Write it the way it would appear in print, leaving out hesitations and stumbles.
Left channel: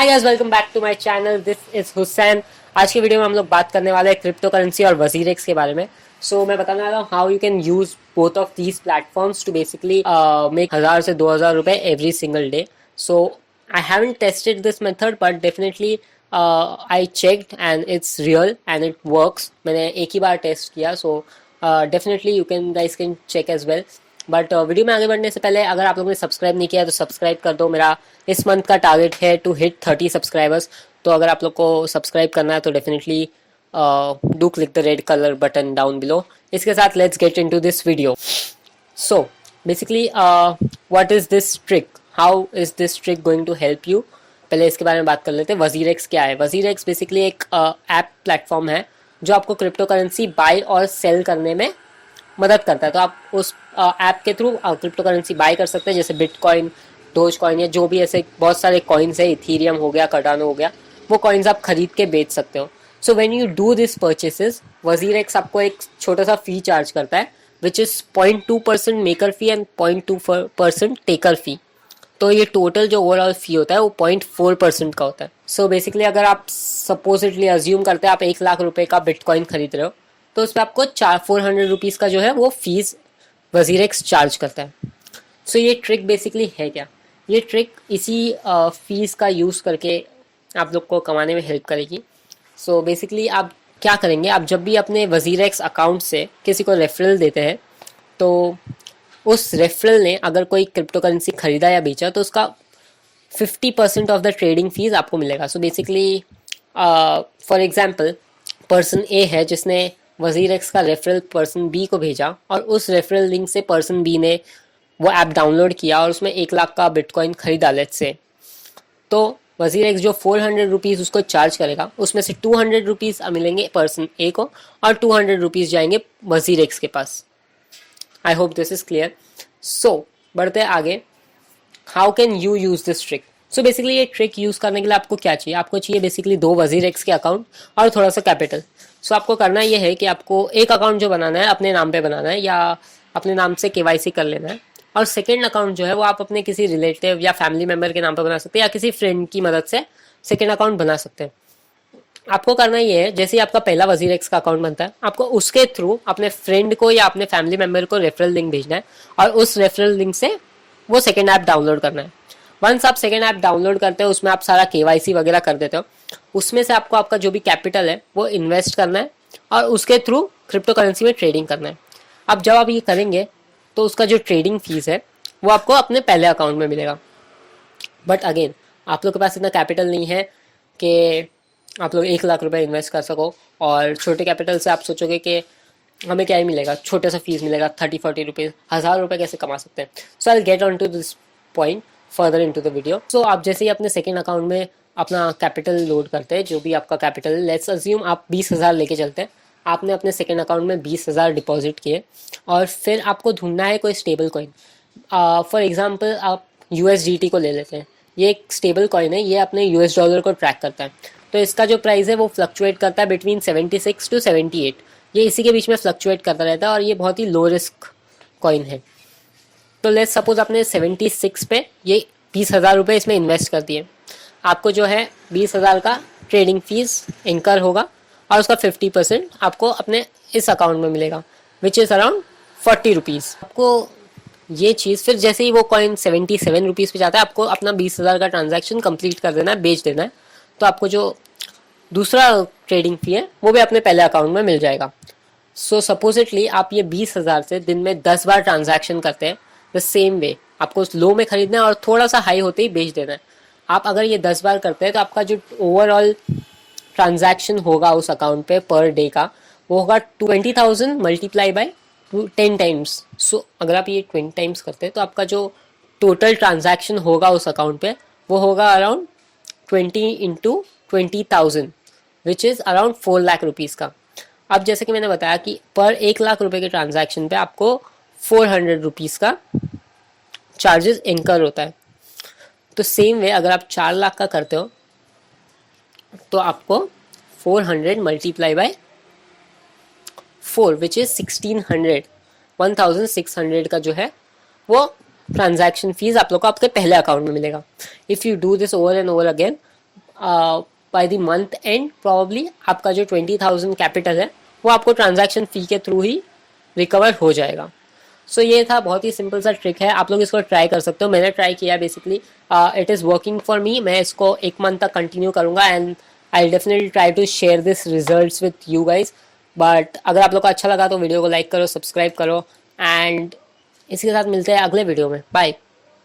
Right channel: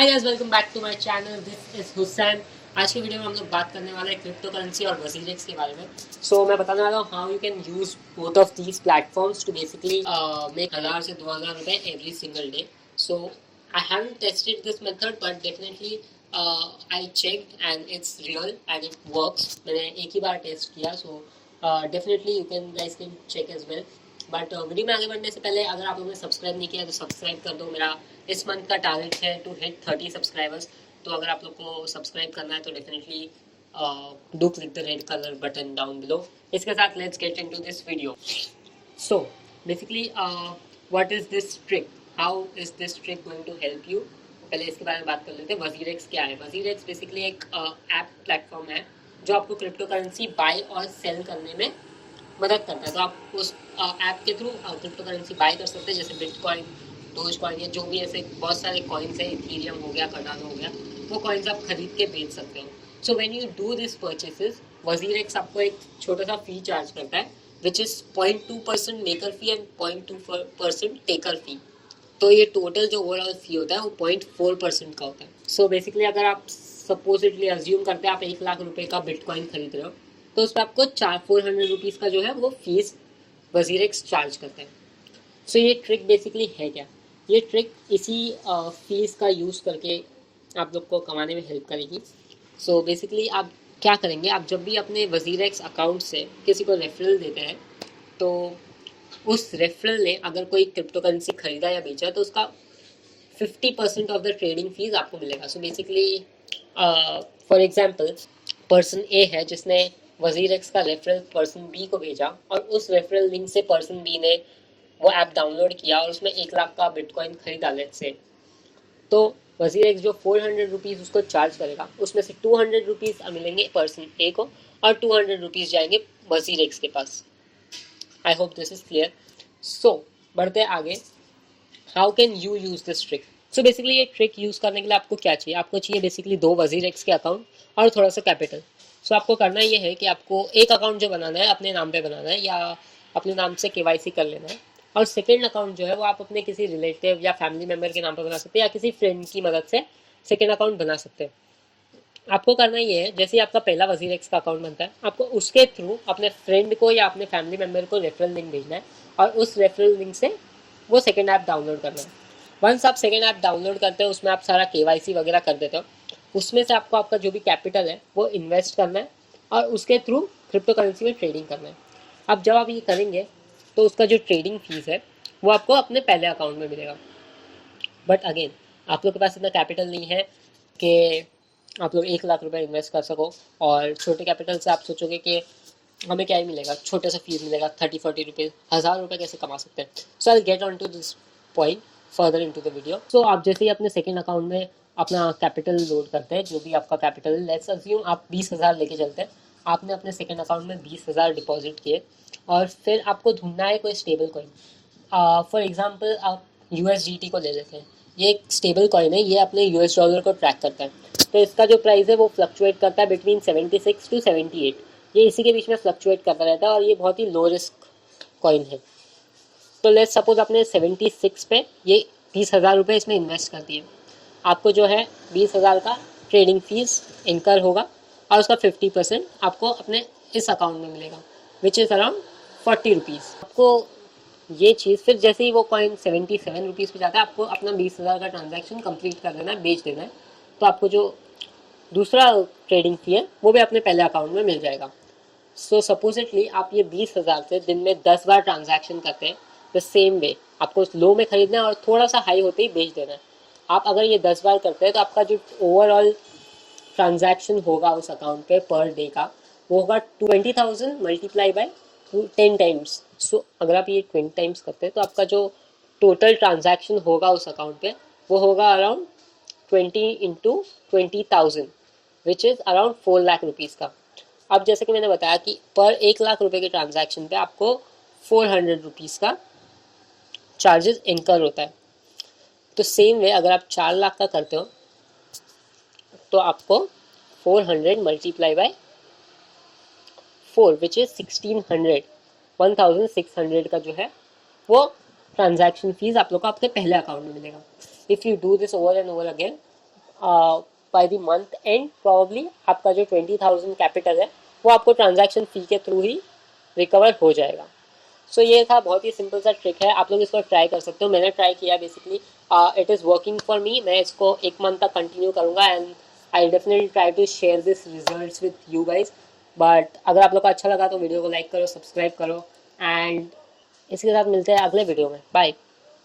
Hi guys, welcome back to my channel. This is Hussain. आज की video में हम लोग बात करने वाले हैं क्रिप्टो करेंसी और वजीरेक्स के बारे में। मैं बताने वाला हूँ how you can use both of these platforms to basically make 1,000 से 2,000 रुपए every single day. So I haven't tested this method but definitely I checked and it's real and it works. मैंने एक ही बार टेस्ट किया, so definitely you can guys can check as well. But video में आगे बढ़ने से पहले अगर आप लोगों ने सब्सक्राइब नहीं किया तो सब्सक्राइब कर दो। मेरा इस मंथ का टारगेट है टू हिट 30 सब्सक्राइबर्स। तो अगर आप लोग को सब्सक्राइब करना है तो definitely do click the red colour button down below. इसके साथ let's get into this video. So basically what is this trick, how is this trick going to help you. पहले इसके बारे में बात कर लेते हैं। वजीरेक्स क्या है? वजीरेक्स बेसिकली एक ऐप प्लेटफॉर्म है जो आपको क्रिप्टो करेंसी बाय और सेल करने में मदद करता है। तो आप उस ऐप के थ्रू क्रिप्टो करेंसी बाय कर सकते हैं, जैसे बिटकॉइन, डोज कॉइन या जो भी ऐसे बहुत सारे कॉइन्स है, इथीरियम हो गया, कार्डानो हो गया, वो कॉइन्स आप खरीद के बेच सकते हो। So when you do this purchases, WazirX आपको एक छोटा सा फी चार्ज करता है which is 0.2% maker fee and 0.2% taker fee. तो ये टोटल जो ओवरऑल फी होता है वो 0.4% का होता है। सो बेसिकली अगर आप सपोजिटली अज्यूम करते हैं आप 1 लाख रुपए का बिटकॉइन खरीद रहे हो, तो उस पर आपको 400 रुपीज़ का जो है वो फीस वजीरेक्स चार्ज करता है। सो ये ट्रिक बेसिकली है क्या? ये ट्रिक इसी फीस का यूज़ करके आप लोग को कमाने में हेल्प करेगी। बेसिकली आप क्या करेंगे, आप जब भी अपने वजीरेक्स अकाउंट से किसी को रेफरल देते हैं, तो उस रेफरल ने अगर कोई क्रिप्टो करेंसी खरीदा या बेचा तो उसका 50% ऑफ द ट्रेडिंग फीस आपको मिलेगा। So basically for example person A है जिसने वजीरेक्स का रेफरल पर्सन बी को भेजा और उस रेफरल लिंक से पर्सन बी ने वो ऐप डाउनलोड किया और उसमें 1 लाख का बिटकॉइन खरीदा लेट्स से। तो वजीरेक्स जो 400 रुपीज़ उसको चार्ज करेगा उसमें से 200 रुपीज़ मिलेंगे पर्सन ए को और 200 रुपीज़ जाएंगे वजीरेक्स के पास। I hope this is clear. So बढ़ते आगे, how can you use this trick. So basically ये ट्रिक यूज़ करने के लिए आपको क्या चाहिए? आपको चाहिए बेसिकली 2 वजीरेक्स के अकाउंट और थोड़ा सा कैपिटल। आपको करना ये है कि आपको एक अकाउंट जो बनाना है अपने नाम पे बनाना है या अपने नाम से केवाईसी कर लेना है, और सेकेंड अकाउंट जो है वो आप अपने किसी रिलेटिव या फैमिली मेम्बर के नाम पे बना सकते हैं या किसी फ्रेंड की मदद से सेकेंड अकाउंट बना सकते हैं। आपको करना ये है, जैसे ही आपका पहला वजीरेक्स का अकाउंट बनता है आपको उसके थ्रू अपने फ्रेंड को या अपने फैमिली मेम्बर को रेफरल लिंक भेजना है और उस रेफरल लिंक से वो सेकेंड ऐप डाउनलोड करना है। वंस आप सेकेंड ऐप डाउनलोड करते हो उसमें आप सारा केवाईसी वगैरह कर देते हो, उसमें से आपको आपका जो भी कैपिटल है वो इन्वेस्ट करना है और उसके थ्रू क्रिप्टो करेंसी में ट्रेडिंग करना है। अब जब आप ये करेंगे तो उसका जो ट्रेडिंग फीस है वो आपको अपने पहले अकाउंट में मिलेगा। बट अगेन आप लोग के पास इतना कैपिटल नहीं है कि आप लोग 1 लाख रुपए इन्वेस्ट कर सको, और छोटे कैपिटल से आप सोचोगे कि हमें क्या ही मिलेगा, छोटा सा फीस मिलेगा 30-40 रुपीज़, 1,000 रुपये कैसे कमा सकते हैं। So I get on to this point further into the video. आप जैसे ही अपने सेकेंड अकाउंट में अपना कैपिटल लोड करते हैं, जो भी आपका कैपिटल है, लेट्स अज्यूम आप 20,000 लेके चलते हैं, आपने अपने सेकेंड अकाउंट में 20,000 डिपॉजिट किए और फिर आपको ढूंढना है कोई स्टेबल कॉइन। फॉर एग्जांपल आप USDT को ले लेते हैं। ये एक स्टेबल कॉइन है, ये अपने US डॉलर को ट्रैक करता है। तो इसका जो प्राइस है वो फ्लक्चुएट करता है बिटवीन 76 टू 78। ये इसी के बीच में फ्लक्चुएट करता रहता है और ये बहुत ही लो रिस्क कॉइन है। तो लेट्स सपोज आपने 76 पे ये 20,000 रुपये इसमें इन्वेस्ट कर दिए, आपको जो है 20,000 का ट्रेडिंग फीस इनकर होगा और उसका 50% आपको अपने इस अकाउंट में मिलेगा विच इज़ अराउंड 40 रुपीज़। आपको ये चीज़ फिर जैसे ही वो कॉइन 77 रुपीज़ पे जाता है आपको अपना 20,000 का ट्रांजैक्शन कंप्लीट कर देना है, बेच देना है। तो आपको जो दूसरा ट्रेडिंग फी है वो भी अपने पहले अकाउंट में मिल जाएगा। सपोजिटली आप ये 20,000 से दिन में 10 बार ट्रांजैक्शन करते हैं द सेम वे। आपको उस लो में खरीदना है और थोड़ा सा हाई होते ही बेच देना है। आप अगर ये 10 बार करते हैं तो आपका जो ओवरऑल ट्रांजैक्शन होगा उस अकाउंट पे पर डे का वो होगा 20,000 मल्टीप्लाई बाई 10 टाइम्स। अगर आप ये 20 टाइम्स करते हैं तो आपका जो टोटल ट्रांजैक्शन होगा उस अकाउंट पे वो होगा around 20 into 20,000 which is around 4 lakh rupees का। अब जैसे कि मैंने बताया कि पर 1 लाख रुपए के ट्रांजैक्शन पे आपको 400 रुपीज़ का चार्जेस इनकर होता है। तो सेम वे अगर आप 4 लाख का करते हो तो आपको 400 मल्टीप्लाई बाय 4 विच इज़ 1600, 1600 का जो है वो ट्रांजैक्शन फीस आप लोग को आपके पहले अकाउंट में मिलेगा। If you do this over and over again by the month and probably आपका जो 20,000 कैपिटल है वो आपको ट्रांजैक्शन फ़ी के थ्रू ही रिकवर हो जाएगा। सो ये था, बहुत ही सिंपल सा ट्रिक है, आप लोग इसको ट्राई कर सकते हो। मैंने ट्राई किया basically, it is working for me. मैं इसको 1 मंथ तक कंटिन्यू करूँगा and I definitely try to share this results with you guys. But अगर आप लोग को अच्छा लगा तो वीडियो को लाइक करो, सब्सक्राइब करो एंड इसी के साथ मिलते हैं अगले वीडियो में। बाय।